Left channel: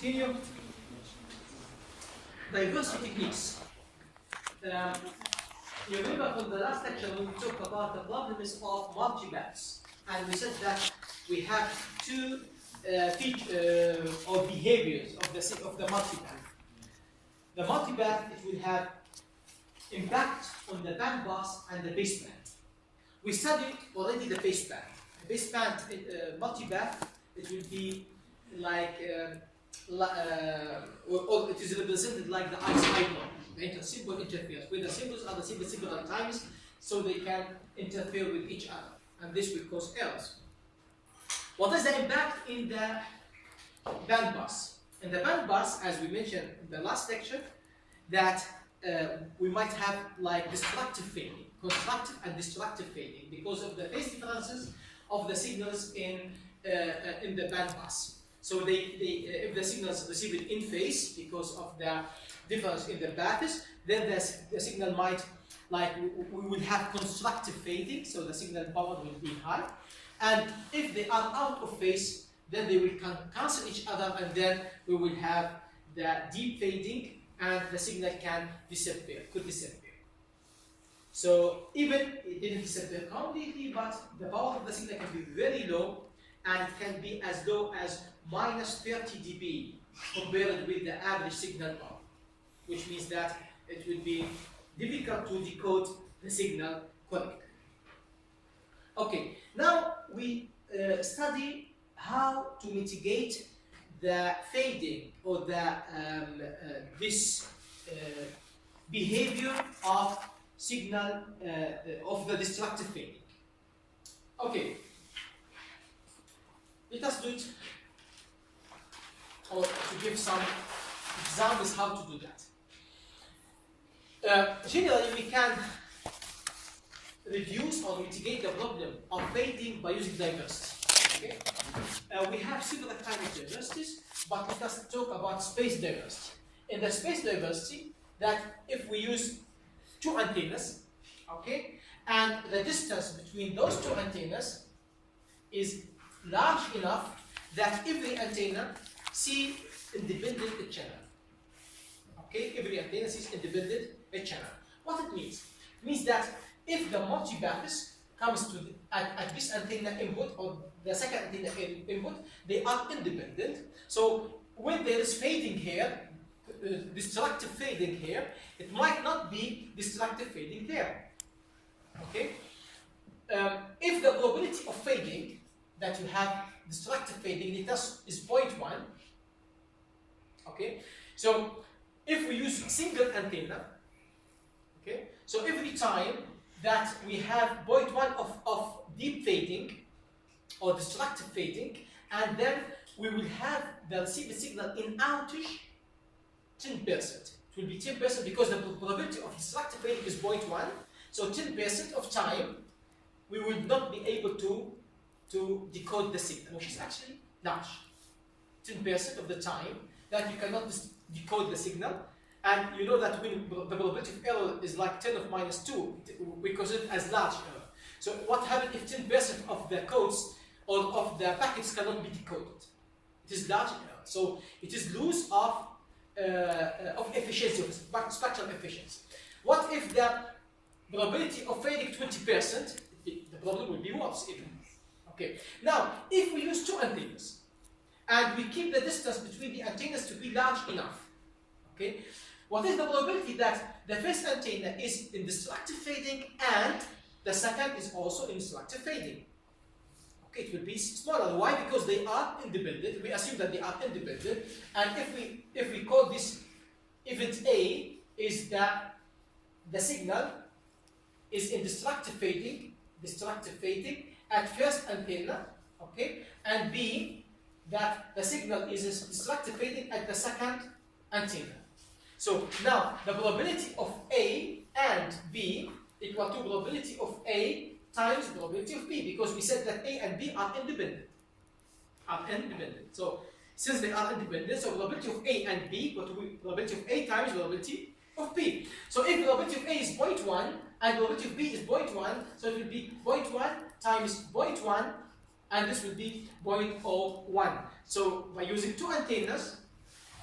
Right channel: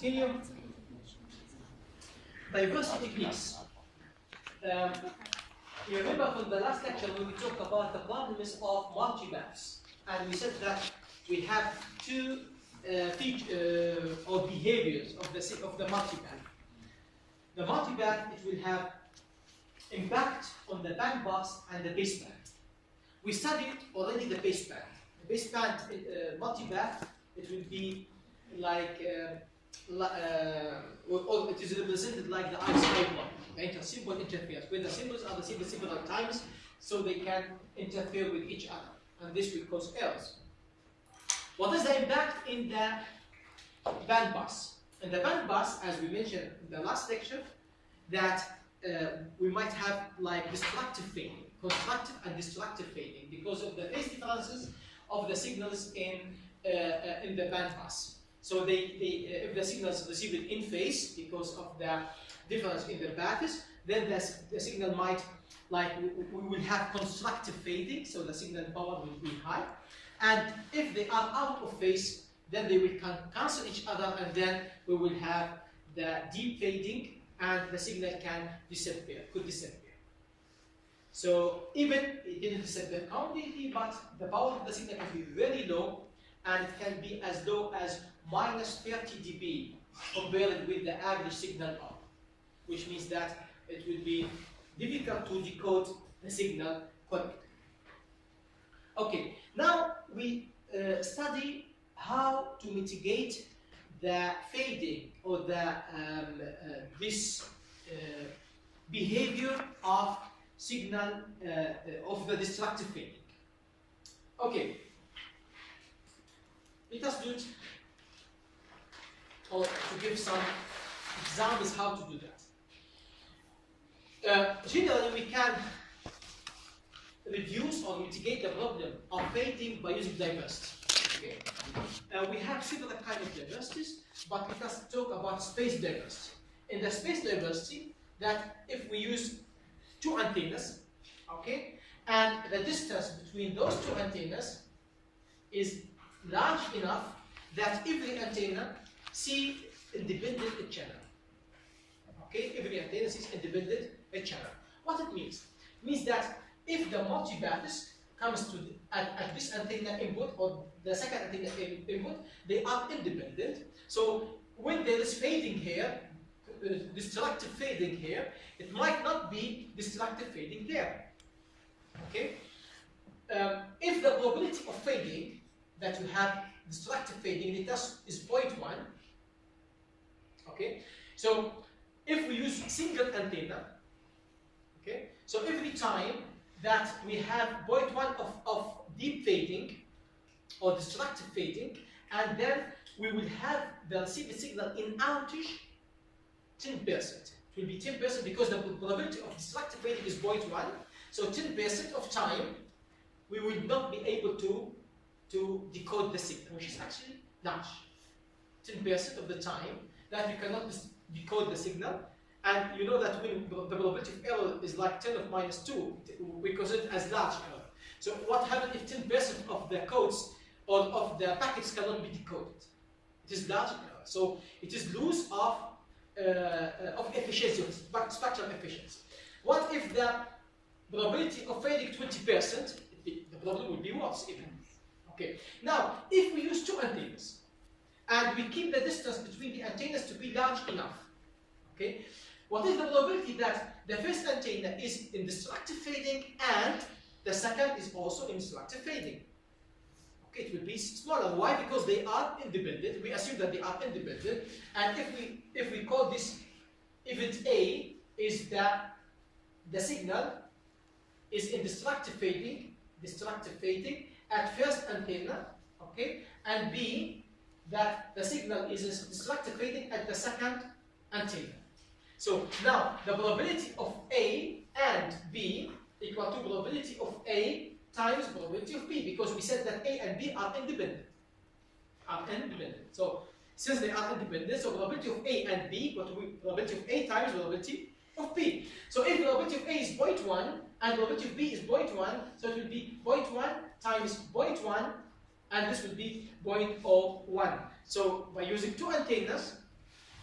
continue. Diversity techniques. You remember from the last lecture when we talked about the problems of multipaths, and we said that we have two features or behaviors of the multipath. The multipath, it will have impact on the bandpass and the baseband. We studied already the baseband. The baseband multipath, it will be like or it is represented like the I-1, the simple interference, where the symbols are the same several times, so they can interfere with each other, and this will cause errors. What is the impact in the bandpass? In the bandpass, as we mentioned in the last lecture, that we might have like destructive fading, constructive and destructive fading, because of the phase differences of the signals in the bandpass. So if the signals received in phase because of the difference in their paths, then the signal might, like, we will have constructive fading, so the signal power will be high. And if they are out of phase, then they will cancel each other, and then we will have the deep fading, and the signal could disappear. So even it didn't disappear completely, but the power of the signal can be very low, and it can be as low as -30 dB compared with the average signal power, which means that it will be difficult to decode the signal correctly. Okay, now we study how to mitigate the fading or the this behavior of signal of the destructive fading. Okay, let us do it, or to give some examples how to do that. Generally, we can reduce or mitigate the problem of fading by using diversity. Okay? We have several kinds of diversities, but let us talk about space diversity. In the space diversity, that if we use two antennas, okay, and the distance between those two antennas is large enough that every antenna sees independent channel. Okay, every antenna sees independent channel. What it means? It means that if the multipaths comes to at this antenna input or the second antenna input, they are independent. So when there is fading here, destructive fading here, it might not be destructive fading there. Okay. If the probability of fading that you have destructive fading is 0.1. Okay. So if we use single antenna, okay, so every time that we have 0.1 of deep fading or destructive fading, and then we will have the received signal in outage 10%. It will be 10% because the probability of destructive fading is 0.1. So 10% of time we will not be able to decode the signal, which is actually large. 10% of the time that you cannot decode the signal. And you know that when the probability of error is like 10 of -2, we consider it as large error. So what happens if 10% of the codes or of the packets cannot be decoded? It is large error. So it is loss of efficiency, of spectral efficiency. What if the probability of fading 20%? The problem will be worse even. Okay. Now, if we use two antennas and we keep the distance between the antennas to be large enough, okay, what is the probability that the first antenna is in destructive fading and the second is also in destructive fading? Okay, it will be smaller. Why? Because they are independent. We assume that they are independent, and if we call this event A is that the signal is in destructive fading at first antenna, okay, and B that the signal is in destructive fading at the second antenna. So now the probability of A and B equal to probability of A times probability of B, because we said that A and B are independent. So since they are independent, so probability of A and B equal to probability of A times probability of B. So if probability of A is 0.1 and probability of B is 0.1, so it will be 0.1 times 0.1, and this will be 0.01. So by using two antennas,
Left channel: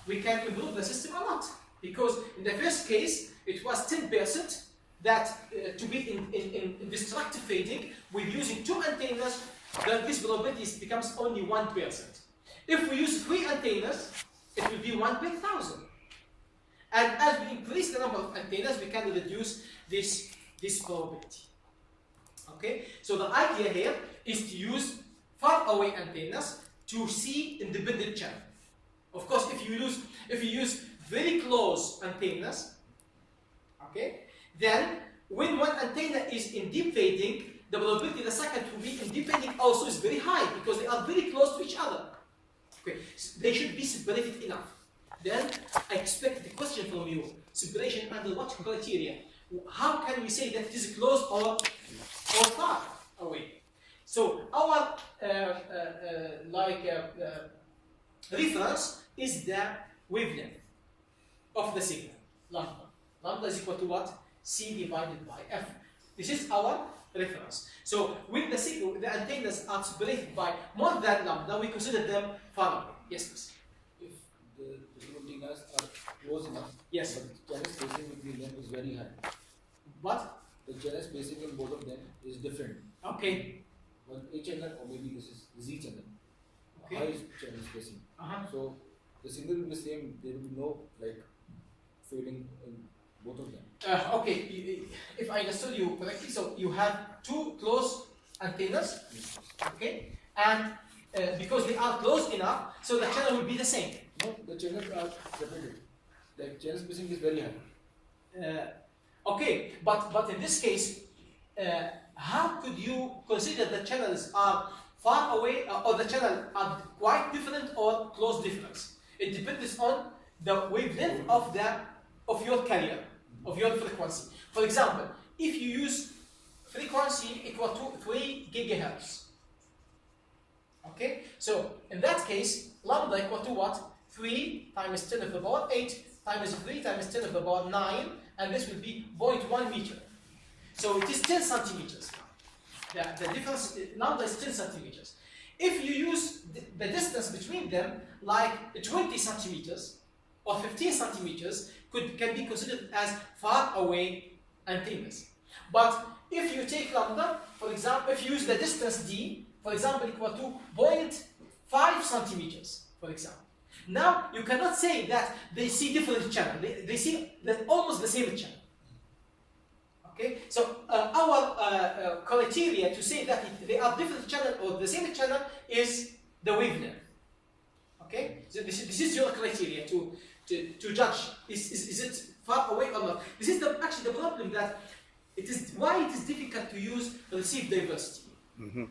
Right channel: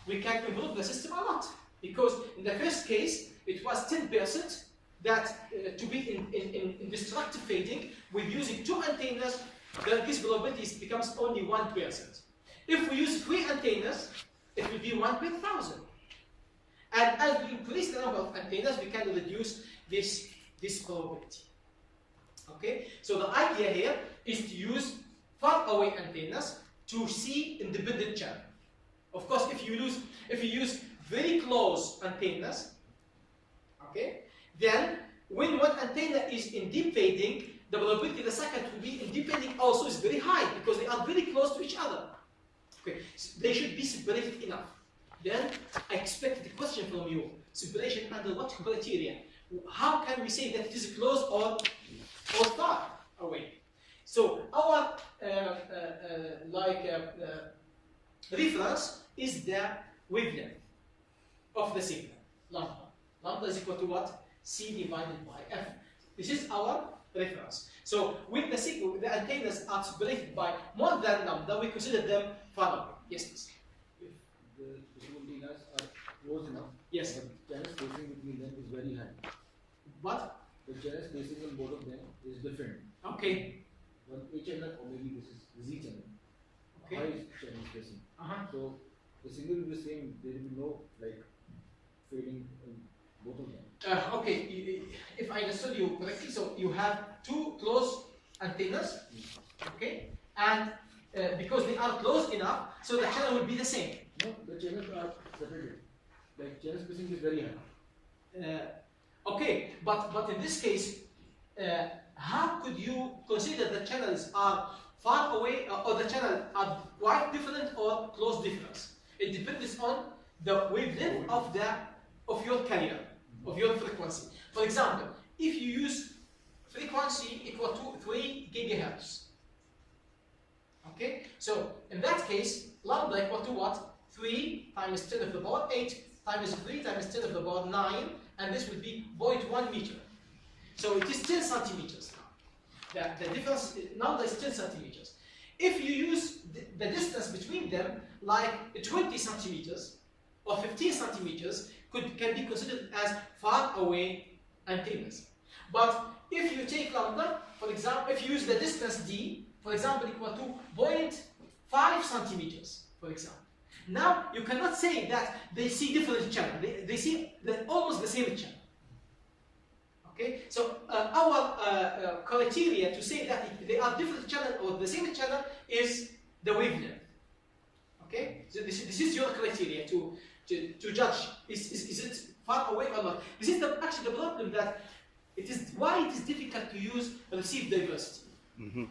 we can improve the system a lot. Because in the first case, it was 10% that to be in destructive fading with using 2 antennas, this probability becomes only 1%. If we use 3 antennas, it will be 1 per 1,000. And as we increase the number of antennas, we can reduce this probability. Okay, so the idea here is to use far away antennas to see independent channel. Of course, if you use very close antennas, okay, then when one antenna is in deep fading, the probability the second to be in deep fading also is very high because they are very close to each other. Okay, so they should be separated enough. Then I expect the question from you: separation under what criteria? How can we say that it is close or far away? So our reference is the wavelength of the signal, lambda. Lambda is equal to what? C divided by F. This is our reference. So when the signal, the antennas are separated by more than lambda, we consider them far away. Yes, please. If the two antennas are close enough, yes, but channel spacing between them is very high. What? The channel spacing in both of them is different. Okay. One A channel, or maybe this is Z channel. Okay. High channel spacing. So the signal will be the same. There will be no like fading in both of them. Okay, if I understood you correctly, so you have 2 close antennas, okay, and because they are close enough, so the channel will be the same. No, the channels are separated. Like channel spacing is very high. Okay, but in this case, how could you consider the channels are far away or the channel are quite different or close difference? It depends on the wavelength of your carrier, of your frequency. For example, if you use frequency equal to 3 gigahertz, okay, so in that case, lambda equal to what? 3 times 10 to the power 8 times 3 times 10 to the power 9, and this will be 0.1 meter. So it is 10 centimeters now. The difference, lambda is 10 centimeters. If you use the distance between them, like 20 centimeters or 15 centimeters, can be considered as far away antennas. But if you take lambda, for example, if you use the distance d, for example, equal to 0.5 centimeters, for example. Now, you cannot say that they see different channel. They see almost the same channel. Okay, so our criteria to say that they are different channel or the same channel is the wavelength. Okay, so this is your criteria to judge is it far away or not. This is actually the problem that why it is difficult to use receive diversity. Mm-hmm.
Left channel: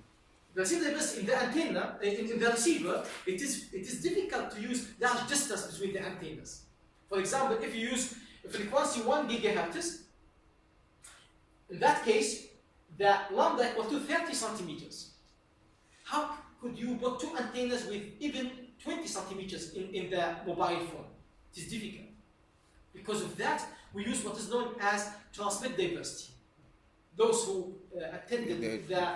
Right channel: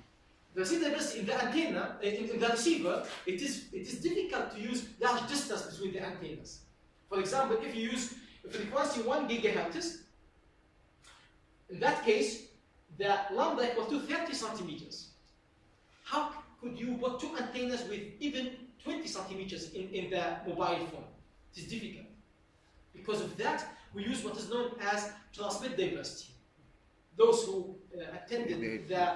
Receive diversity in the antenna, in the receiver, it is difficult to use large distance between the antennas. For example, if you use frequency 1 gigahertz, in that case, the lambda equal to 30 centimeters. How could you put 2 antennas with even 20 centimeters in the mobile phone? It is difficult. Because of that, we use what is known as transmit diversity. Those who attended the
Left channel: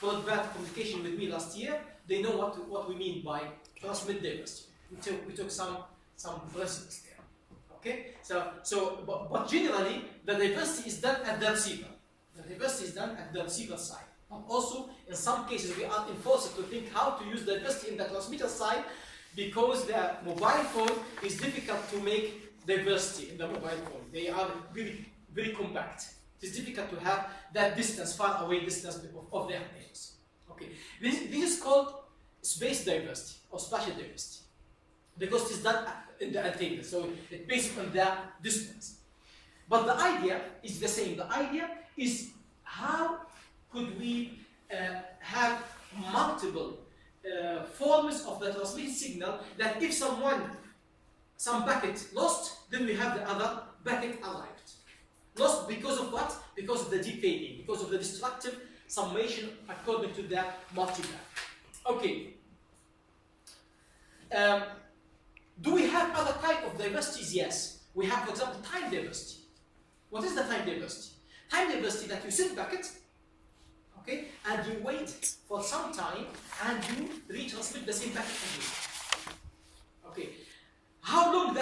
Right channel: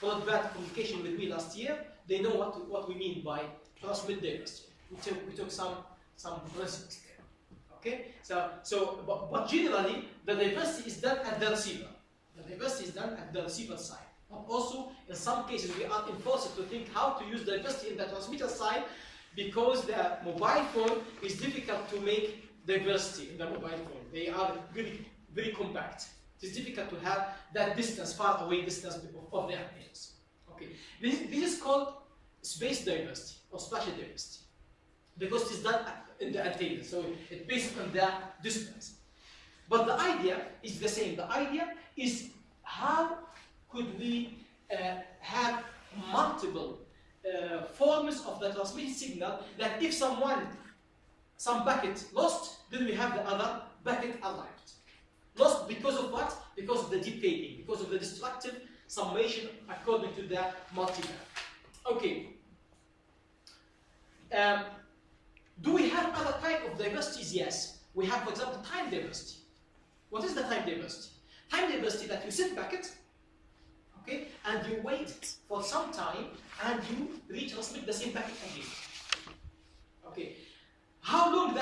broadband communication with me last year, they know what we mean by transmit diversity. We took some principles there. Okay, but generally the diversity is done at the receiver. The diversity is done at the receiver side. But also, in some cases, we are enforced to think how to use diversity in the transmitter side, because the mobile phone is difficult to make diversity in the mobile phone. They are very, very compact. It is difficult to have that distance, far away distance of the antennas. Okay, this is called space diversity or spatial diversity, because it is done in the antenna, so it's based on the distance. But the idea is the same. The idea is how could we have multiple forms of the transmitted signal, that if some packet lost, then we have the other packet arrived. Lost because of what? Because of the deep fading, because of the destructive summation according to the multiband. Okay. Do we have other type of diversities? Yes. We have, for example, time diversity. What is the time diversity? Time diversity that you send packet, okay, and you wait for some time and you retransmit the same packet again. Okay. How long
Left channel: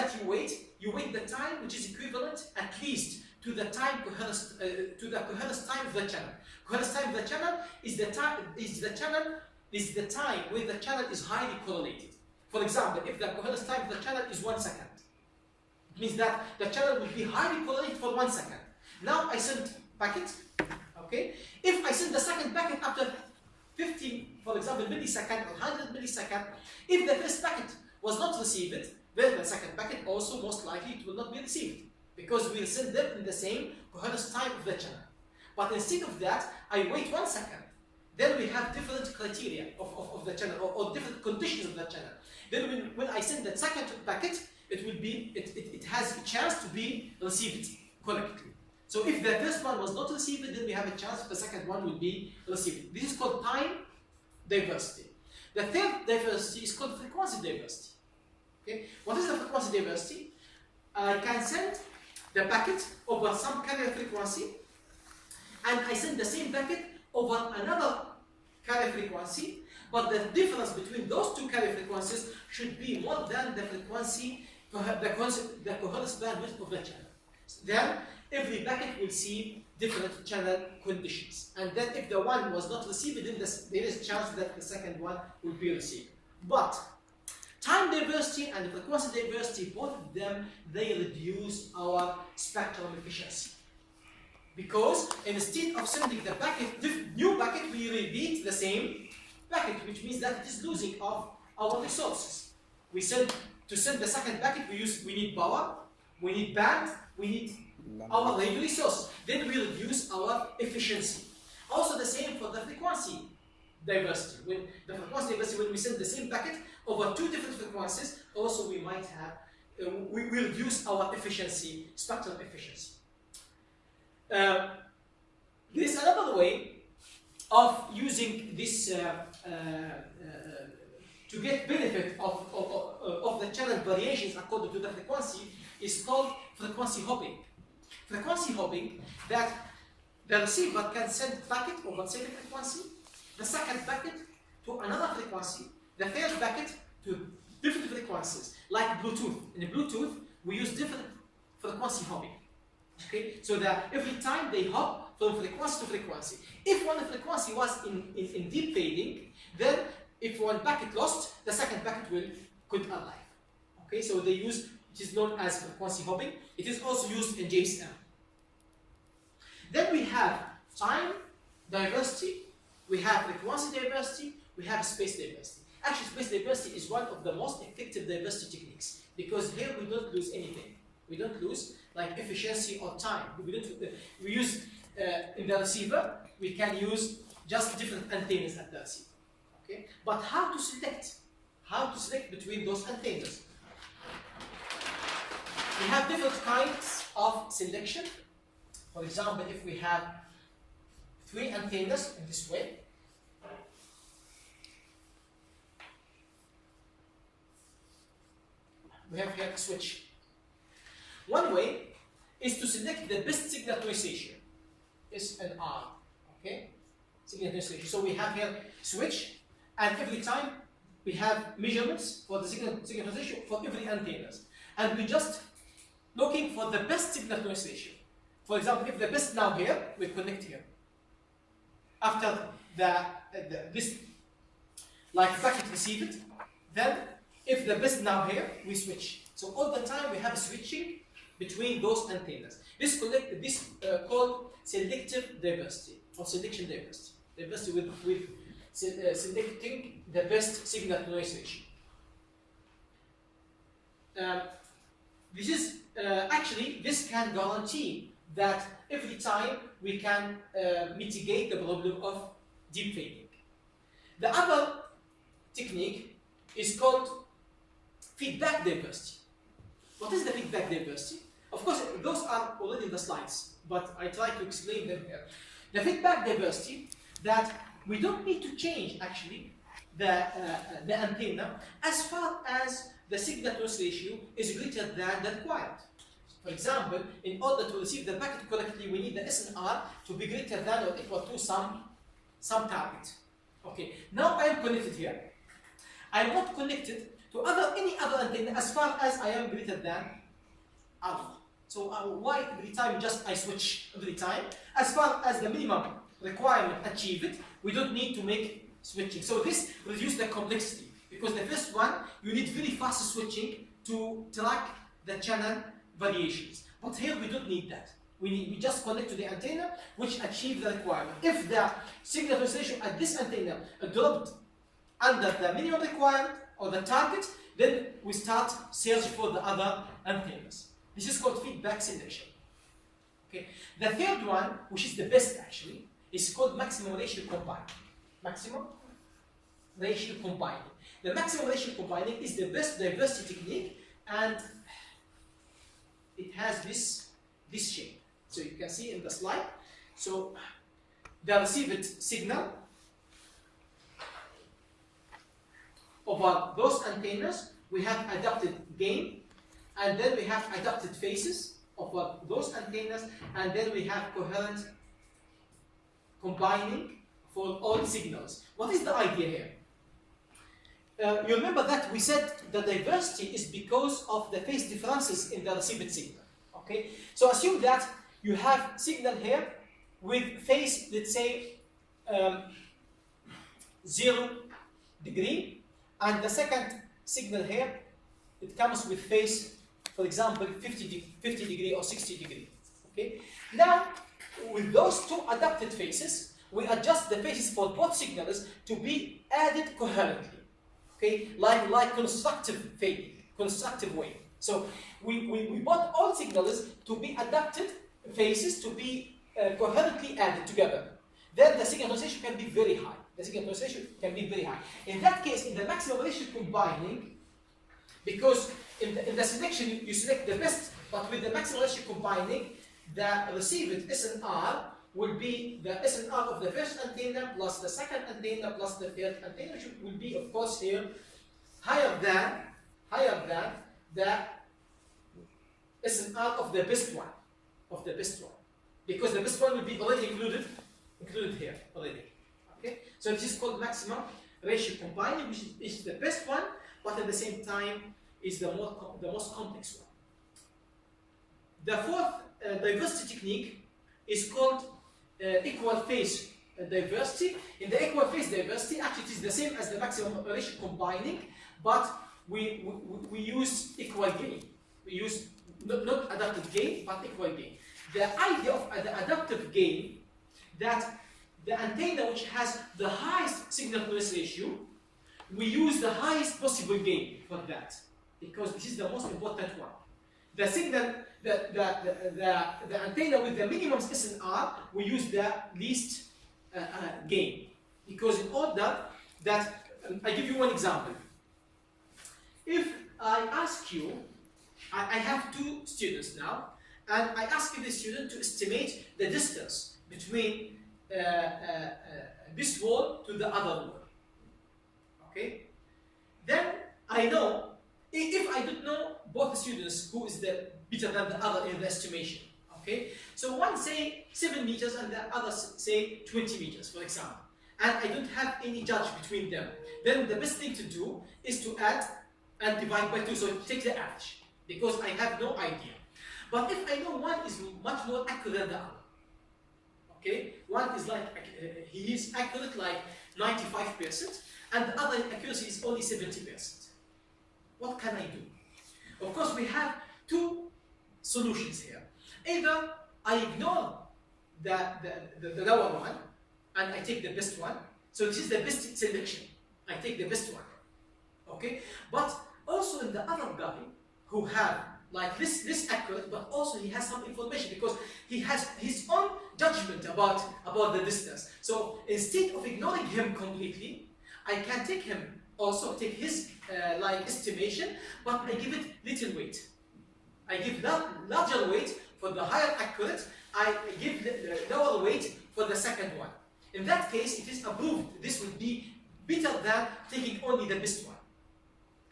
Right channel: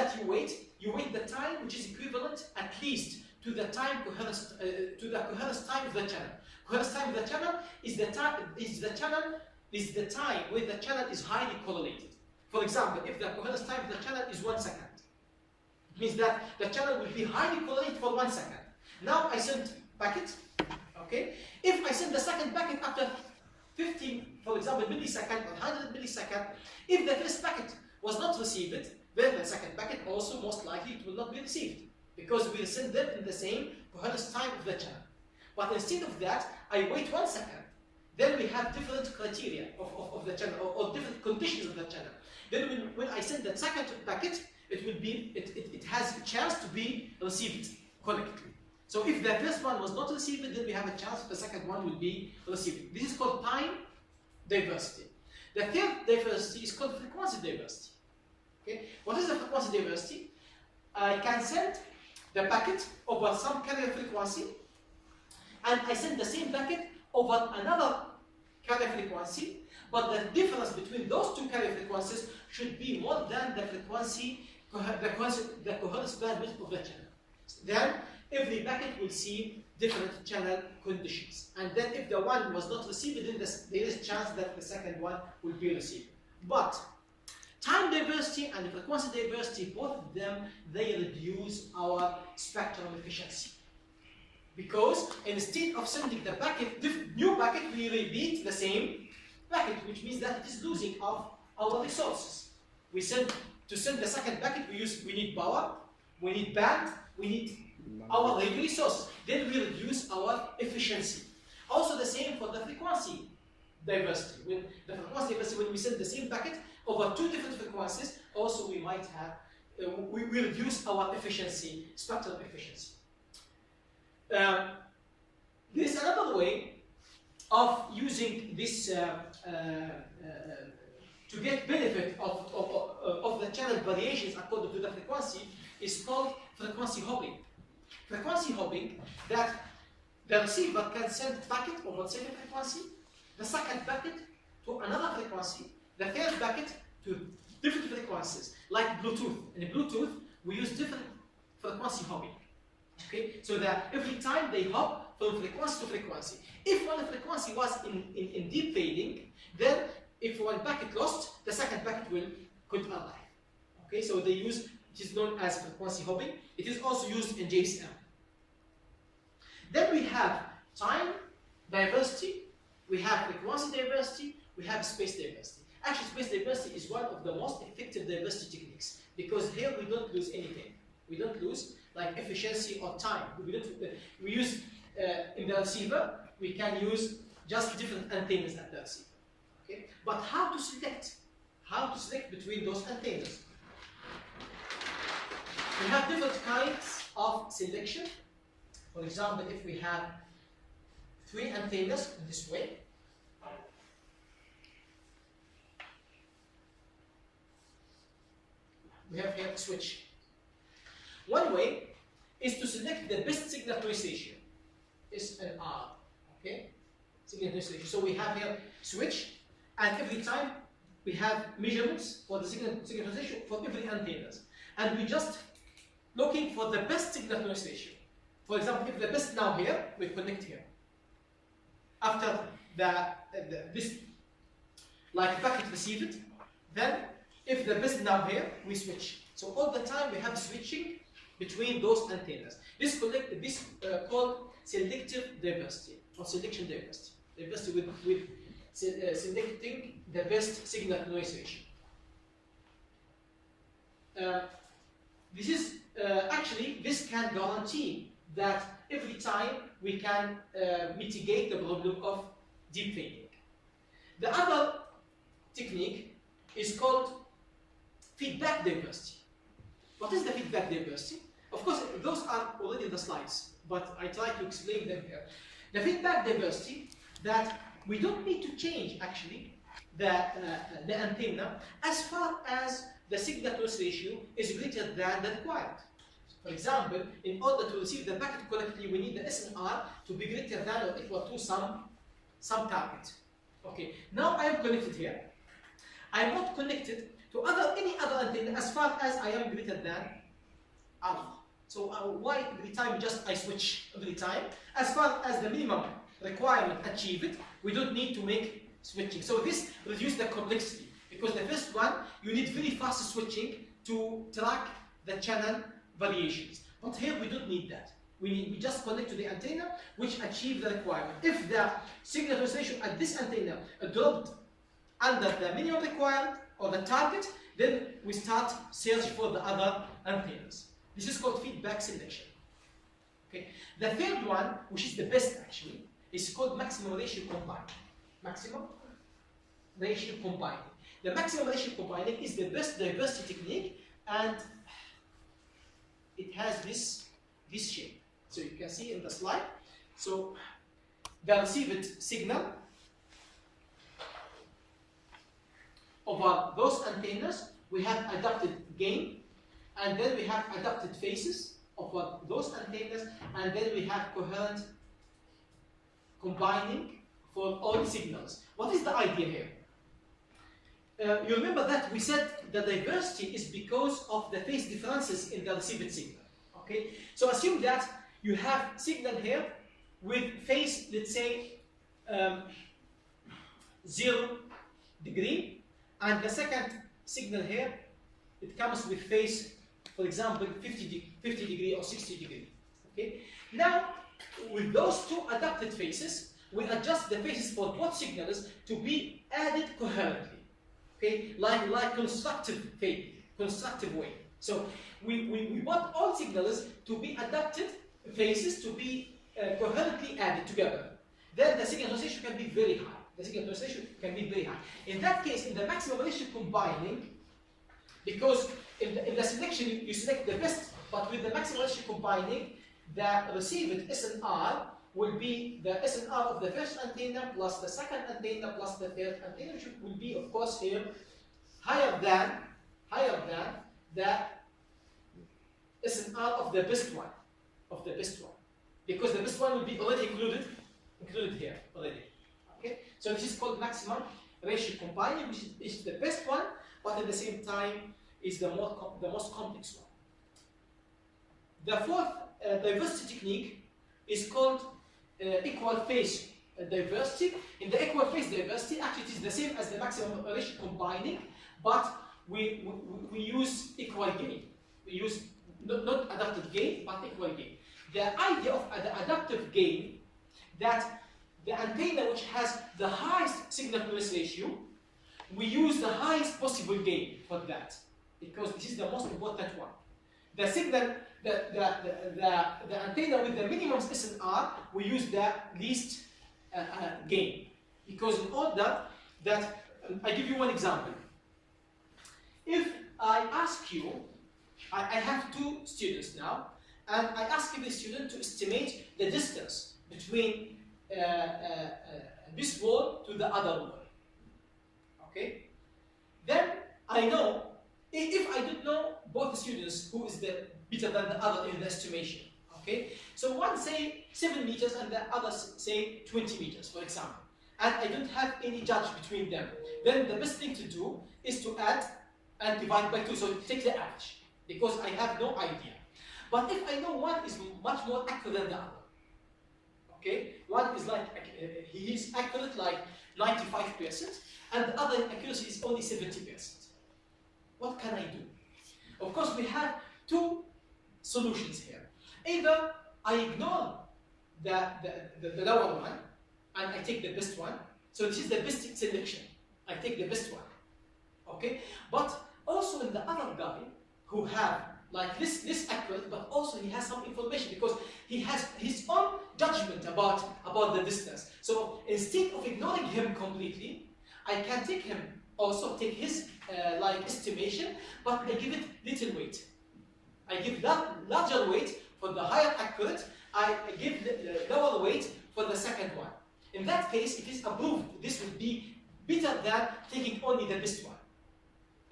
time which is equivalent at least to the time coherence time of the channel. Coherence time of the channel is the time when the channel is highly correlated. For example, if the coherence time of the channel is 1 second, it means that the channel will be highly correlated for 1 second. Now I send packet, okay? If I send the second packet after 50, for example, millisecond or 100 millisecond, if the first packet was not received, then the second packet also most likely it will not be received, because we will send them in the same coherence time of the channel. But instead of that, I wait 1 second. Then we have different criteria of the channel, or different conditions of the channel. Then when I send the second packet, it has a chance to be received correctly. So if the first one was not received, then we have a chance the second one will be received. This is called time diversity. The third diversity is called frequency diversity. Okay? What is the frequency diversity? I can send the packet over some carrier frequency, and I send the same packet over another carrier frequency, but the difference between those two carrier frequencies should be more than the coherence bandwidth of the channel. Then every packet will see different channel conditions, and then if the one was not received, then there is a chance that the second one will be received. But time diversity and frequency diversity, both of them, they reduce our spectrum efficiency. Because instead of sending the packet, new packet, we repeat the same packet, which means that it is losing of our resources. To send the second packet, we need power, we need band, we need our radio resources. Then we reduce our efficiency. Also the same for the frequency diversity. When we send the same packet over two different frequencies, also we might have, we reduce our efficiency, spectrum efficiency. There is another way of using this to get benefit of the channel variations according to the frequency, is called frequency hopping. Frequency hopping, that the receiver can send packet over the same frequency, the second packet to another frequency, the third packet to different frequencies, like Bluetooth. In Bluetooth, we use different frequency hopping. Okay, so that every time they hop from frequency to frequency. If one frequency was in deep fading, then if one packet lost, the second packet could arrive. Okay, so they use, it is known as frequency hopping. It is also used in GSM. Then we have time diversity, we have frequency diversity, we have space diversity. Actually, space diversity is one of the most effective diversity techniques, because here we don't lose anything. We don't lose like efficiency or time. We use in the receiver, we can use just different antennas at the receiver. Okay, but how to select? How to select between those antennas? We have different kinds of selection. For example, if we have 3 antennas in this way, we have here a switch. One way is to select the best signal to noise ratio, SNR. Okay, signal to noise ratio. So we have here switch, and every time we have measurements for the signal to noise ratio for every antennas, and we just looking for the best signal to noise ratio. For example, if the best now here, we connect here. After this like packet received, then if the best now here, we switch. So all the time we have switching between those antennas. This called selective diversity or selection diversity. Diversity with selecting the best signal to noise ratio. This is actually, this can guarantee that every time we can mitigate the problem of deep fading. The other technique is called feedback diversity. What is the feedback diversity? Of course, those are already in the slides, but I try to explain them here. The feedback diversity, that we don't need to change actually the antenna as far as the signal to noise ratio is greater than the required. For example, in order to receive the packet correctly, we need the SNR to be greater than or equal to some target. Okay, now I am connected here. I am not connected to any other antenna as far as I am greater than alpha. So why every time just I switch every time? As far as the minimum requirement achieved, we don't need to make switching. So this reduces the complexity, because the first one, you need very fast switching to track the channel variations. But here we don't need that. We just connect to the antenna, which achieve the requirement. If the signal translation at this antenna dropped under the minimum requirement or the target, then we start search for the other antennas. This is called feedback selection. Okay. The third one, which is the best actually, is called maximum ratio combining. Maximum ratio combining. The maximum ratio combining is the best diversity technique, and it has this shape. So you can see in the slide. So the received signal over those antennas, we have adapted gain, and then we have adapted phases over those antennas, and then we have coherent combining for all signals. What is the idea here? You remember that we said the diversity is because of the phase differences in the received signal. Okay, so assume that you have signal here with phase, let's say, 0 degree, and the second signal here, it comes with phase, for example, 50 degree or 60 degree. Okay, now with those two adapted phases, we adjust the phases for both signals to be added coherently. Okay, like constructive fading, constructive way. So we want all signals to be adapted phases to be coherently added together. Then the signal translation can be very high. The signal translation can be very high. In that case, in the maximum ratio combining, because in the selection you select the best, but with the maximum ratio combining, the received SNR will be the SNR of the first antenna plus the second antenna plus the third antenna, which will be, of course, here higher than the SNR of the best one, because the best one will be already included here already. Okay, so this is called maximum ratio combining, which is the best one, but at the same time is the most complex one. The fourth diversity technique is called equal phase diversity. In the equal phase diversity, actually it is the same as the maximum ratio combining, but we use equal gain. We use not adaptive gain, but equal gain. The idea of the adaptive gain, that the antenna which has the highest signal to noise ratio, we use the highest possible gain for that, because this is the most important one. The signal, the antenna with the minimum SNR, we use the least gain, because in order that, I give you one example. If I ask you, I have two students now, and I ask the student to estimate the distance between this wall to the other wall. Okay? Then I know, if I don't know both students who is the better than the other in the estimation. Okay? So one say 7 meters and the other say 20 meters, for example. And I don't have any judge between them. Then the best thing to do is to add and divide by 2. So take the average, because I have no idea. But if I know one is much more accurate than the other, okay, one is like, he is accurate like 95%, and the other accuracy is only 70%. What can I do? Of course, we have two solutions here. Either I ignore the lower one, and I take the best one. So this is the best selection. I take the best one. Okay? But also in the other guy who have like this accurate, but also he has some information, because he has his own judgment about the distance. So instead of ignoring him completely, I can take him, also take his like estimation, but I give it little weight. I give larger weight for the higher accurate, I give the lower weight for the second one. In that case, it is approved. This will be better than taking only the best one.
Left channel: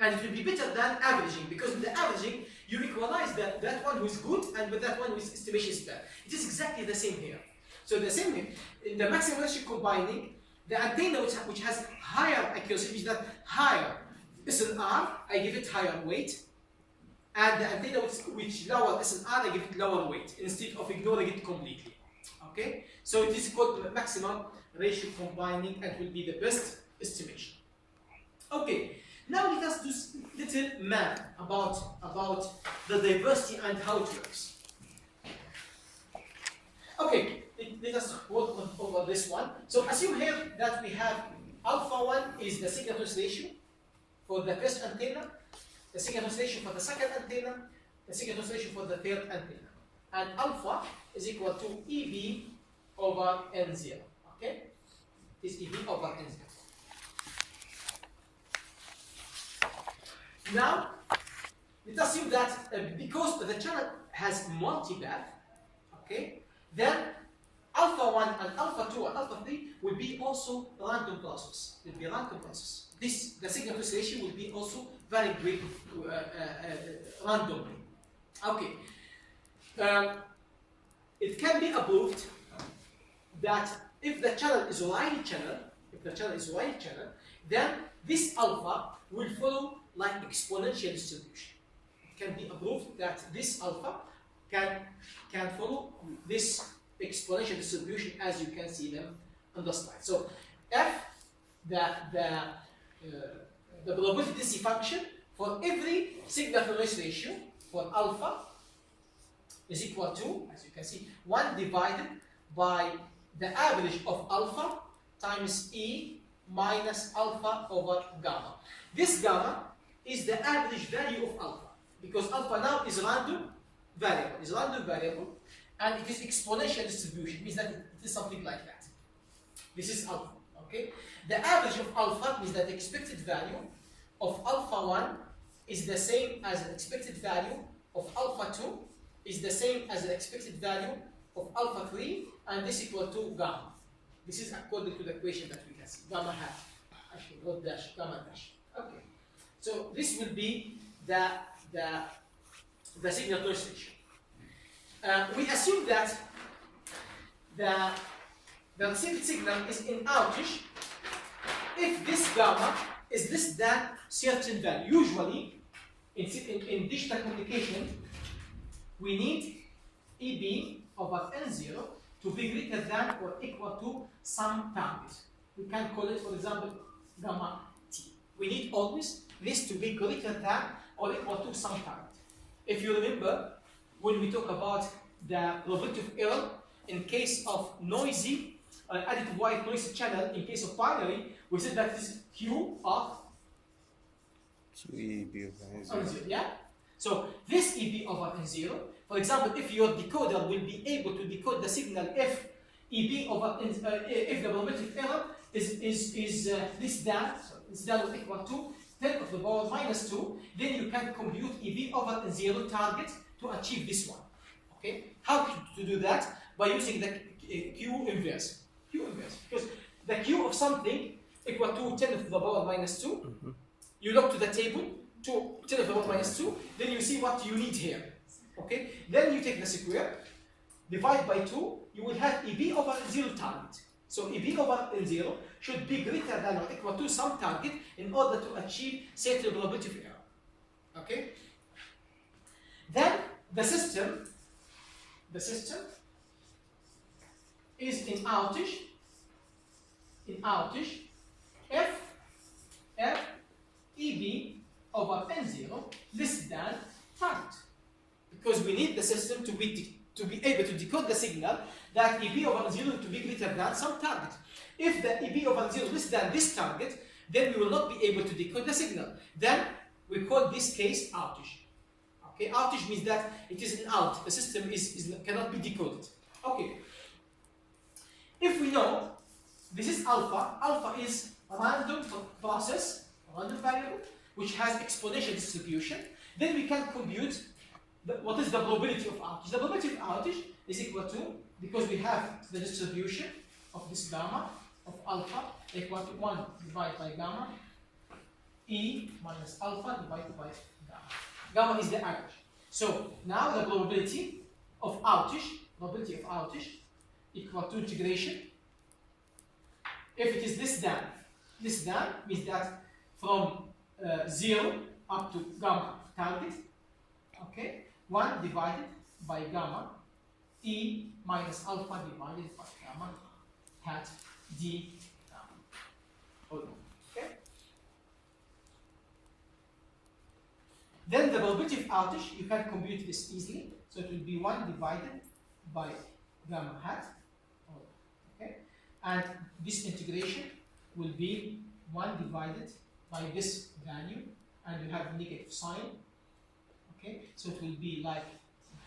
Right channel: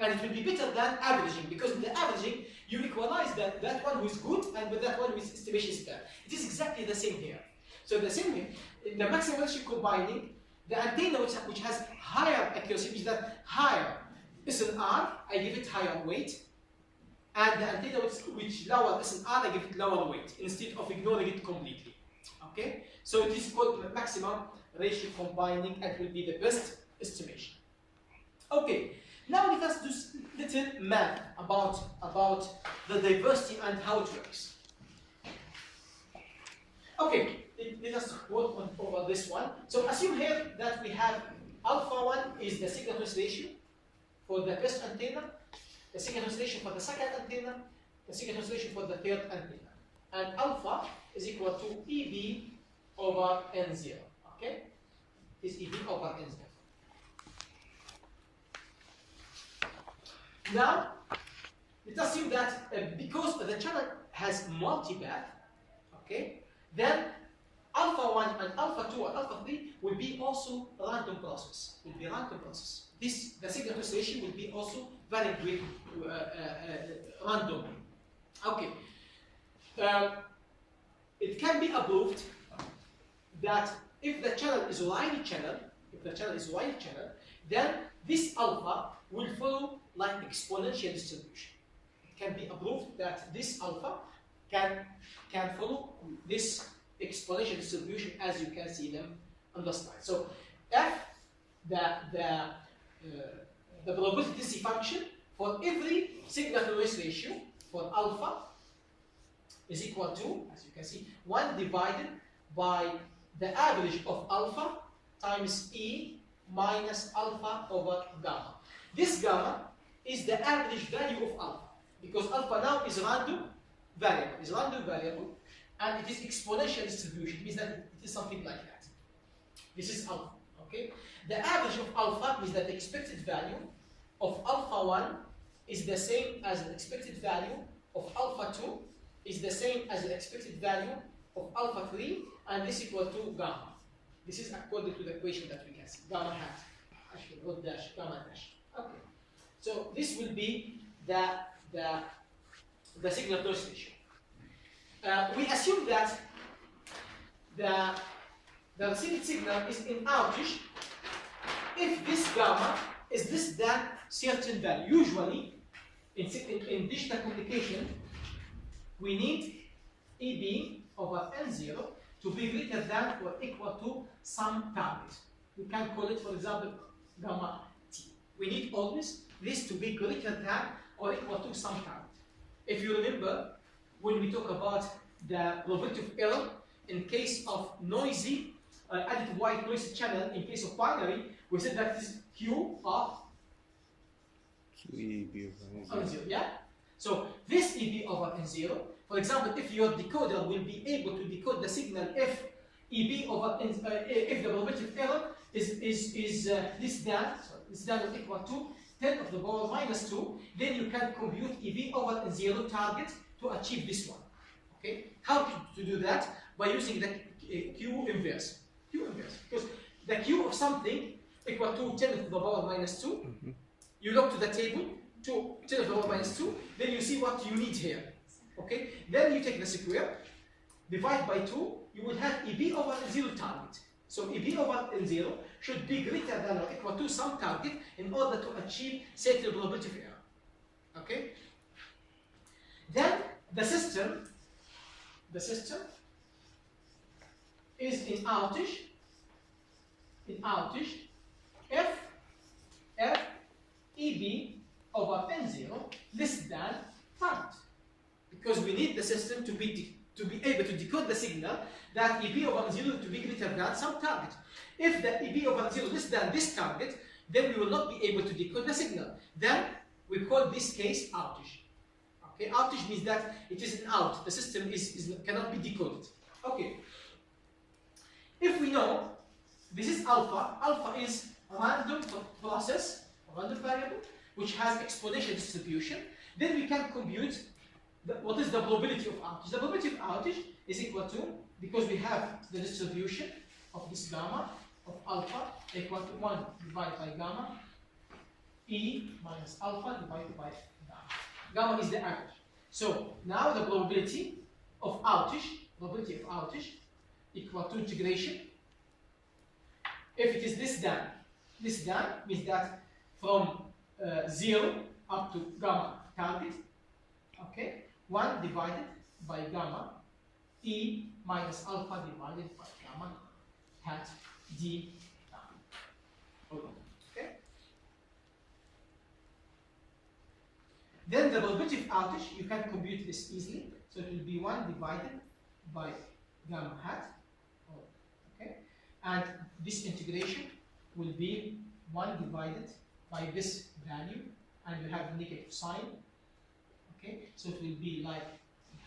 And it will be better than averaging, because in the averaging, you equalize that one who is good and with that one whose estimation is bad. It is exactly the same here. So the same way, in the maximum ratio combining, the antenna which has higher accuracy, which is that higher SNR, I give it higher weight. and the antenna which lower SNR, I give it lower weight instead of ignoring it completely. Okay, so it is called maximum ratio combining and will be the best estimation. Okay, now let us do little math about the diversity and how it works. Okay, let us work over this one. So assume here that we have alpha 1 is the signal to noise ratio for the first antenna, the signal to noise ratio for the second antenna, the signal to noise ratio for the third antenna. And alpha is equal to EB over N0. Okay? Is EB over N0. Now, let's assume that because the channel has multipath, okay, then alpha 1 and alpha 2 and alpha 3 will be also random process. Will be random process. The signal to noise ratio will be also varied randomly. Okay. It can be proved that if the channel is a wide channel, then this alpha will follow like exponential distribution. It can be proved that this alpha can follow this exponential distribution as you can see them on the slide. So f the probability density function for every signal to noise ratio for alpha is equal to, as you can see, 1 divided by the average of alpha times E minus alpha over gamma. This gamma is the average value of alpha, because alpha now is random variable, and it is exponential distribution. It means that it is something like that. This is alpha, okay? The average of alpha means that the expected value of alpha 1 is the same as the expected value of alpha 2 is the same as the expected value of alpha 3, and this equal to gamma. This is according to the equation that we can see. Gamma hat, actually not dash, gamma dash. Okay. So this will be the signal to noise ratio. We assume that the received signal is in outage if this gamma is less than certain value. Usually, in digital communication, we need EB over N0 to be greater than or equal to some target. We can call it, for example, gamma T. We need always this to be greater than or equal to some target. If you remember, when we talk about the probability of error in case of noisy, additive white noise channel, in case of binary, we said that is Q of EB over N0. Yeah? So this EB over N0, for example, if your decoder will be able to decode the signal if EB over if the probability of error is less than or equal to 10 to the power minus 2, then you can compute EB over N0 target to achieve this one. Okay? How to do that? By using the Q inverse. Q inverse. Because the Q of something equal to 10 to the power minus 2. You look to the table, 10 to the power minus 2, then you see what you need here. Okay? Then you take the square, divide by 2, you will have EB over N0 target. So EB over N0 should be greater than or equal to some target in order to achieve certain probability of error. Okay? Then the system is in outage if EB over N0 less than target. Because we need the system to be able to decode the signal that EB over N0 to be greater than some target. If the EB over N0 less than this target, then we will not be able to decode the signal. Then we call this case outage. Okay, outage means that it is an out. The system cannot be decoded. Okay. If we know this is alpha, alpha is a random process, a random variable, which has exponential distribution, then we can compute what is the probability of outage. The probability of outage is equal to, because we have the distribution of this gamma of alpha equal to 1 divided by gamma E minus alpha divided by gamma. Gamma is the average. So now the probability of outage equal to integration. If it is less than means that from 0 up to gamma target, Okay, 1 divided by gamma E minus alpha divided by gamma hat D gamma. Hold on. Okay. Then the probability of outage, you can compute this easily. So it will be 1 divided by gamma hat. Okay. And this integration will be 1 divided by this value, and you have negative sign. Okay. So it will be like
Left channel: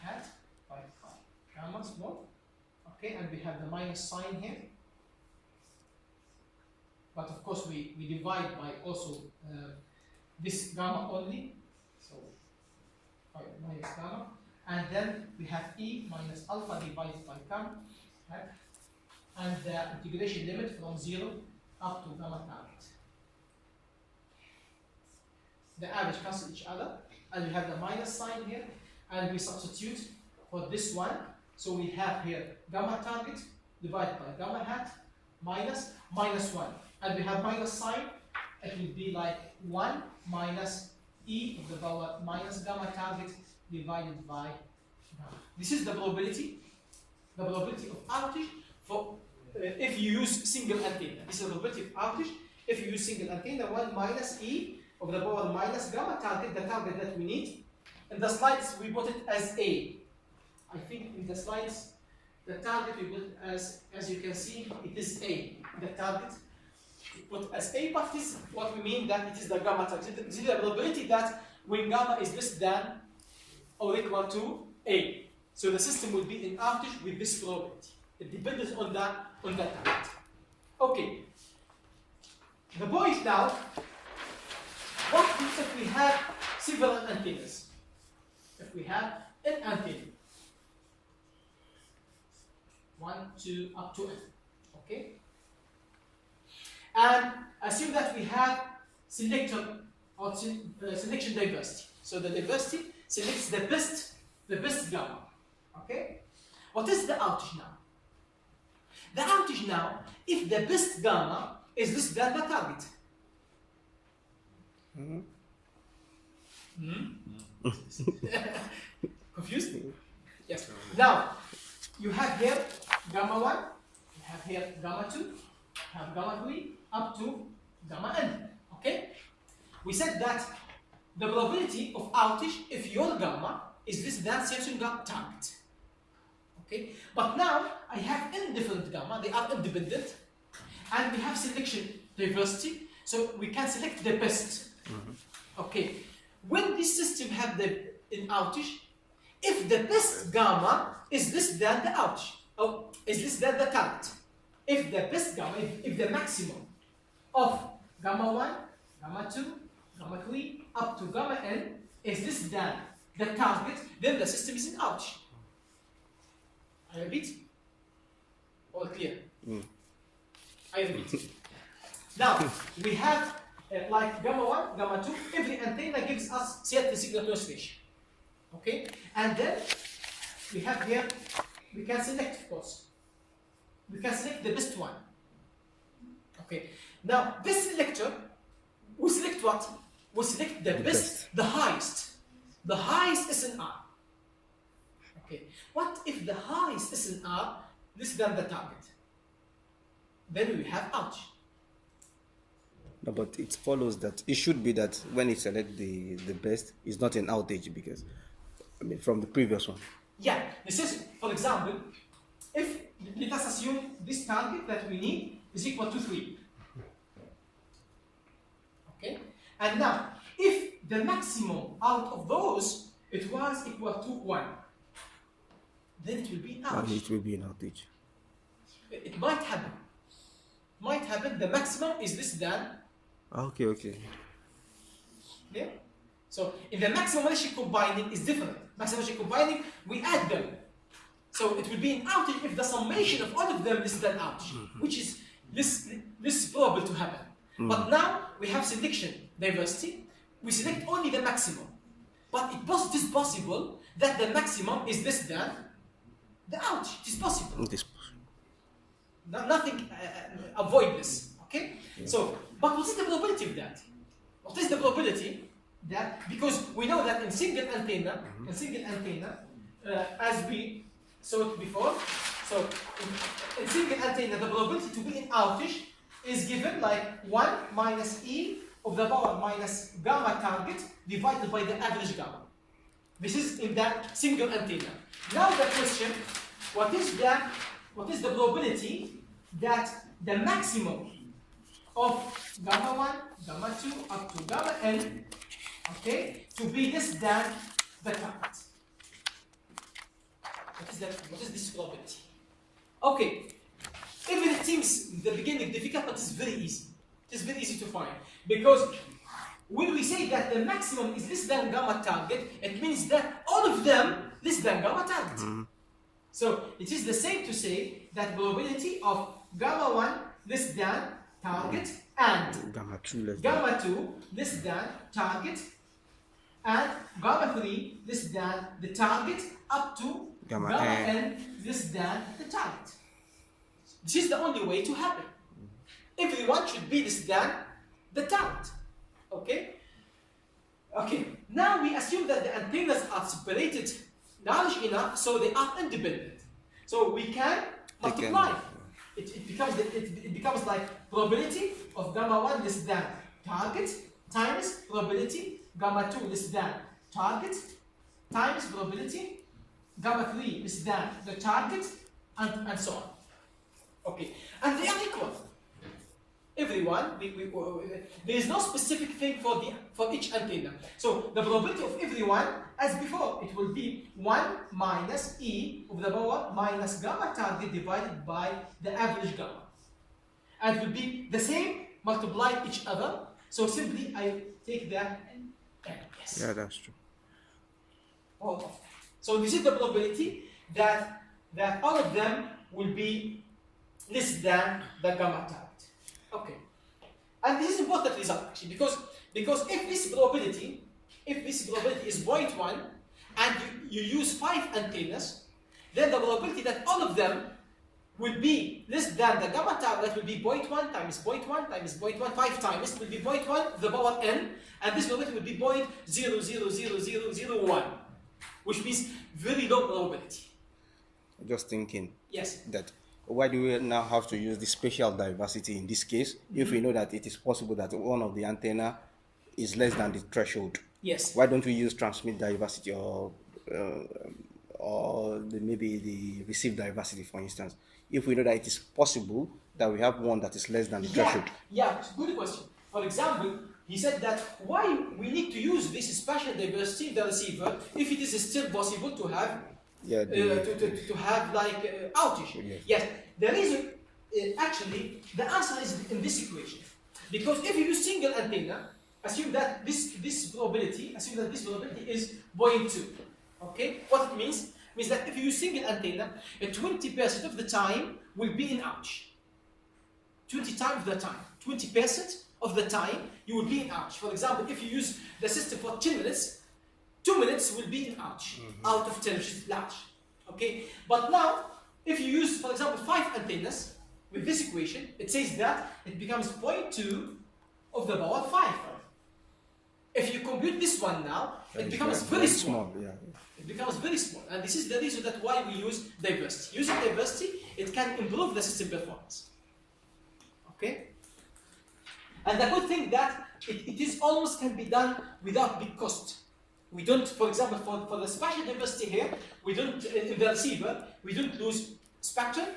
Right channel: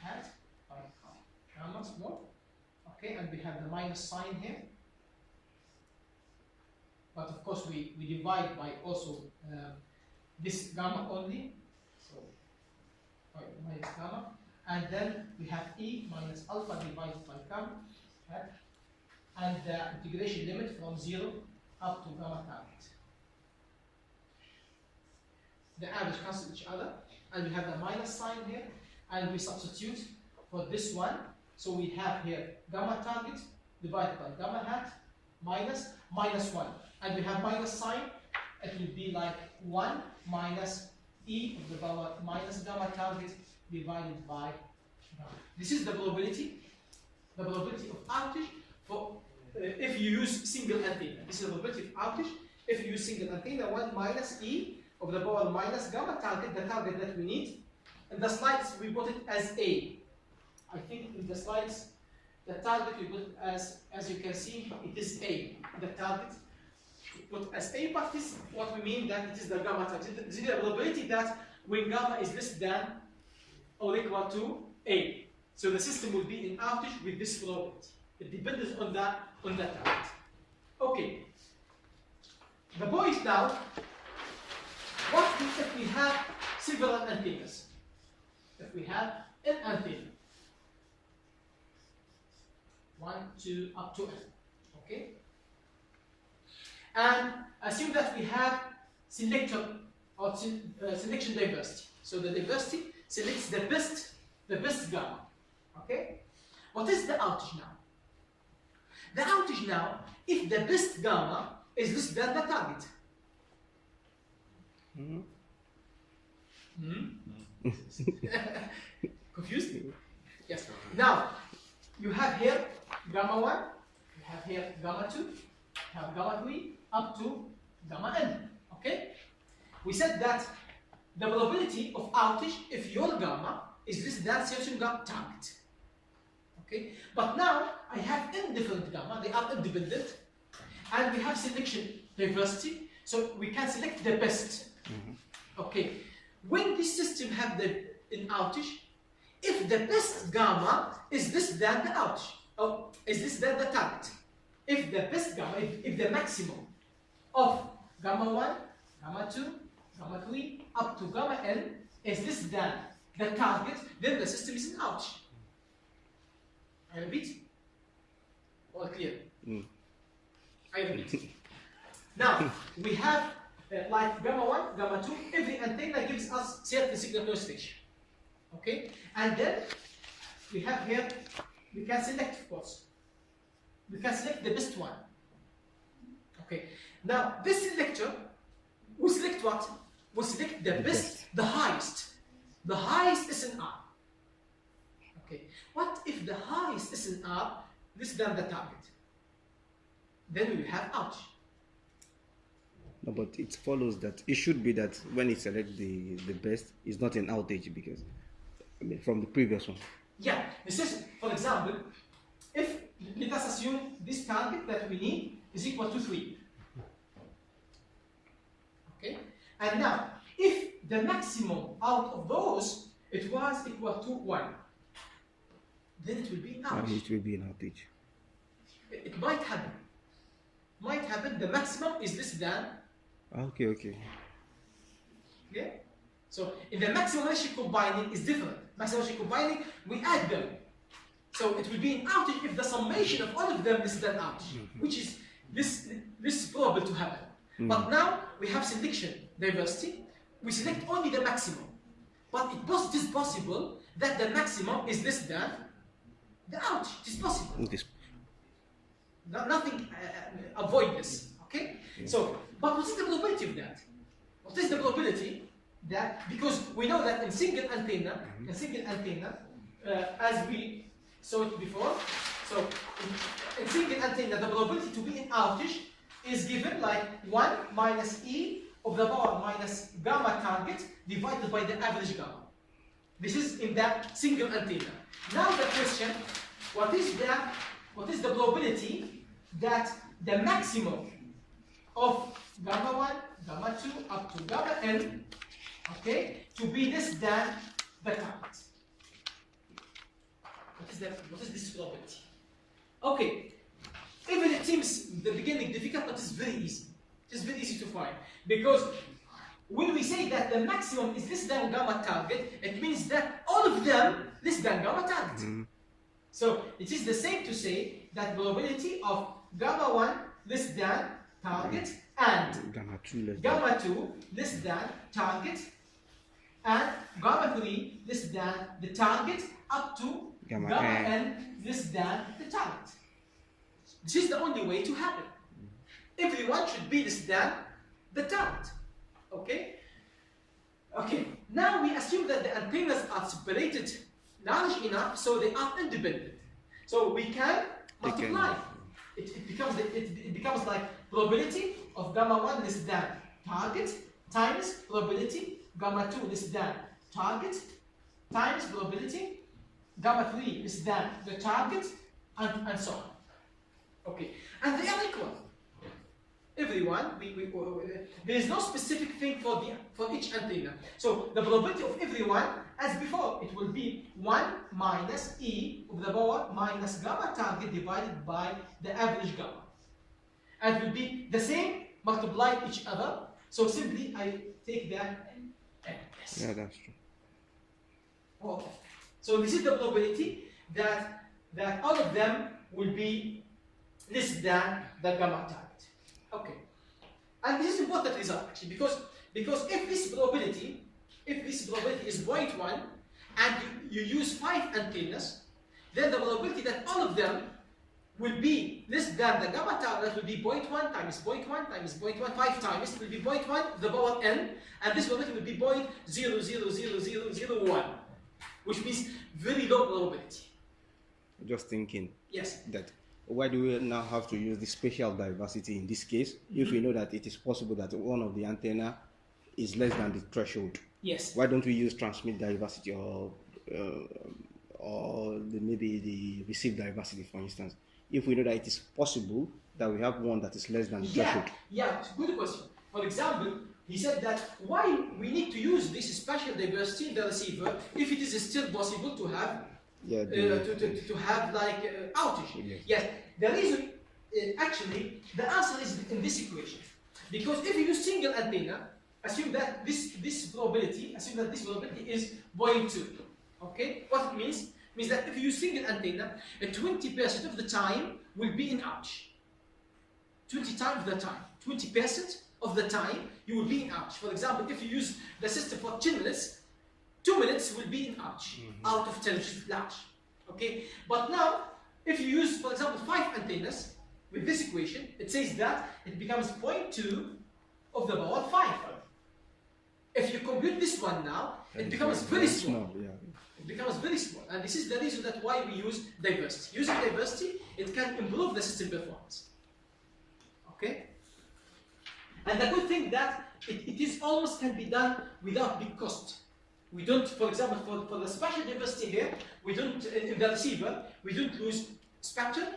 hat by gamma small. Okay. And we have the minus sign here. But of course, we divide by also this gamma only. So by minus gamma. And then we have E minus alpha divided by gamma. Okay? And the integration limit from 0 up to gamma target. The average cancel each other. And we have the minus sign here. And we substitute for this one. So we have here gamma target divided by gamma hat minus 1. And we have minus sign. It will be like 1 minus E of the power minus gamma target divided by gamma. This is the probability of outage for if you use single antenna. This is the probability of outage if you use single antenna. 1 minus E of the power minus gamma target, the target that we need. In the slides we put it as A. I think in the slides the target we put it as you can see, it is A. The target we put as A, but this is what we mean that it is the gamma target. This is the probability that when gamma is less than or equal to A. So the system will be in outage with this probability. It depends on that target. Okay. The point now, what if we have several antennas? If we have an antenna, 1, 2, up to N, okay? And assume that we have selector or selection diversity. So the diversity selects the best gamma, okay? What is the outage now? The outage now, if the best gamma is less than the target. Confused? Yes. Now, you have here gamma 1, you have here gamma 2, you have gamma 3, up to gamma n. Okay? We said that the probability of outage if your gamma is less than certain gamma target. Okay? But now I have n different gamma, they are independent, and we have selection diversity, so we can select the best. Okay. When this system have an outage, if the best gamma is less than the outage, or is less than the target, if the best gamma, if the maximum of gamma 1, gamma 2, gamma 3, up to gamma n is less than the target, then the system is in outage. I repeat. All clear? I repeat. Now, we have like gamma 1, gamma 2, every antenna gives us certain signal to oscillation. Okay? And then we have here, we can select, of course. We can select the best one. Okay. Now, this selector will select what? Will select the best, the highest SNR. Okay. What if the highest SNR less than the target? Then we have outage. No, but it follows that it should be that when you select the best, it's not an outage because, I mean, from the previous one. Yeah, this is, for example, if let us assume this target that we need is equal to 3. Okay, and now if the maximum out of those it was equal to 1, then it will be an outage. It will be an outage. It might happen. The maximum is less than. Okay. Yeah. So in the maximum ratio combining is different. Maximum ratio combining, we add them. So it will be an outage if the summation of all of them is that outage, which is this is probable to happen. But now we have selection diversity. We select only the maximum. But it is possible that the maximum is less than the outage. It is possible. Nothing avoid this. Okay? Yeah. So, but what is the probability of that? What is the probability that, because we know that in single antenna, as we saw it before, so in single antenna, the probability to be in outage is given like 1 minus E of the power minus gamma target divided by the average gamma. This is in that single antenna. Now the question, what is the probability that the maximum of gamma 1, gamma 2 up to gamma n, okay, to be less than the target? What is this probability? Okay, even it seems in the beginning difficult, but it's very easy. It's very easy to find, because when we say that the maximum is less than gamma target, it means that all of them less than gamma target. So it is the same to say that probability of gamma 1 less than target and gamma 2 less than target and gamma 3 less than the target up to gamma n less than the target. This is the only way to happen. Everyone should be less than the target. Okay? Okay, now we assume that the antennas are separated large enough so they are independent. So we can multiply. It becomes like probability of gamma 1 less than target times probability gamma 2 less than target times probability gamma 3 less than the target and so on. Okay, and they are equal. Everyone, there is no specific thing for each antenna. So the probability of everyone, as before, it will be 1 minus E of the power minus gamma target divided by the average gamma. And it will be the same, multiply each other. So simply I take that and yes. Yeah, that's true. All of them. So this is the probability that all of them will be less than the gamma target. Okay, and this is important result actually, because if this probability is 0.1 and you use 5 antennas, then the probability that all of them will be less than the gamma target will be 0.1 times 0.1 times 0.1, 5 times, it will be 0.1 the power n, and this probability will be 0.000001, which means very low probability. Just thinking. Yes. That why do we now have to use the spatial diversity in this case if we know that it is possible that one of the antenna is less than the threshold? Yes. Why don't we use transmit diversity or maybe the receive diversity, for instance, if we know that it is possible that we have one that is less than the threshold? Yeah, it's a good question. For example, he said that why we need to use this spatial diversity in the receiver if it is still possible to have to have like outage. Yes, the reason actually the answer is in this equation, because if you use single antenna, assume that this probability is 0.2. Okay, what it means that if you use single antenna, 20% of the time will be in outage. 20% of the time you will be in outage. For example, if you use the system for 10 minutes, 2 minutes will be in outage out of 10, which is large. Okay, but now if you use, for example, 5 antennas with this equation, it says that it becomes 0.2 of the power 5. If you compute this one now, it becomes very small. It becomes very small, and this is the reason that why we use diversity. Using diversity, it can improve the system performance. Okay, and the good thing that it is almost can be done without big cost. We don't, for example, for the spatial diversity here, we don't, in the receiver, we don't lose spectrum,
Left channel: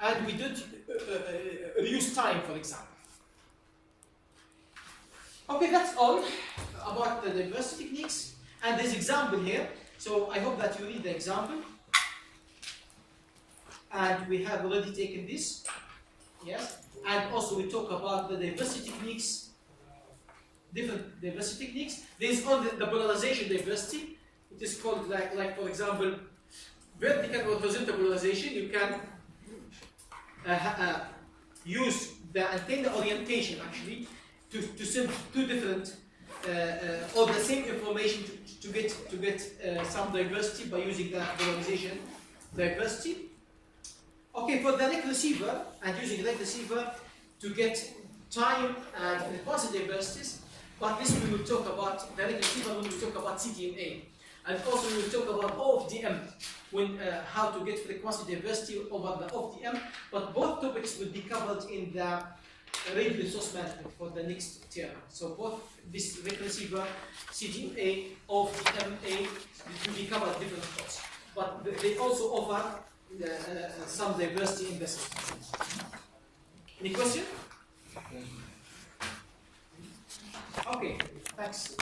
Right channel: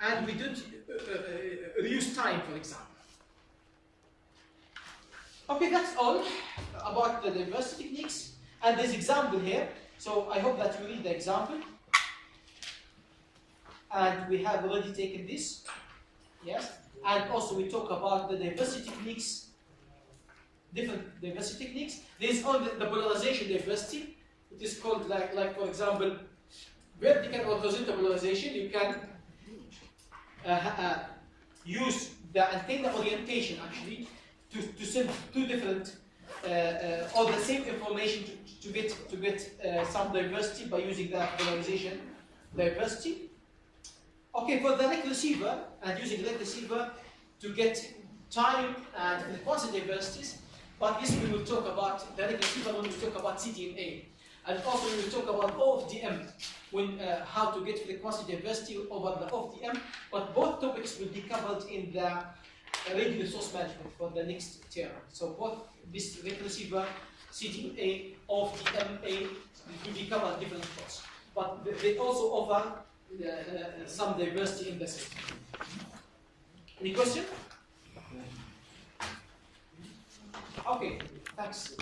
and we don't reuse time, for example. Okay, that's all about the diversity techniques, and this example here. So I hope that you read the example, and we have already taken this, yes, and also we talk about the diversity techniques. Different diversity techniques. There is on the polarization diversity. It is called like for example, vertical or horizontal polarization. You can use the antenna orientation actually to send two different or the same information to get some diversity by using that polarization diversity. Okay, for the REC receiver and using the REC receiver to get time and frequency diversities. But this we will talk about the receiver when we talk about CDMA. And also we will talk about OFDM, when how to get frequency diversity over the OFDM. But both topics will be covered in the radio resource management for the next term. So both this receiver, CDMA, OFDMA will be covered different courses. But they also offer some diversity in the system. Any question? Okay, thanks.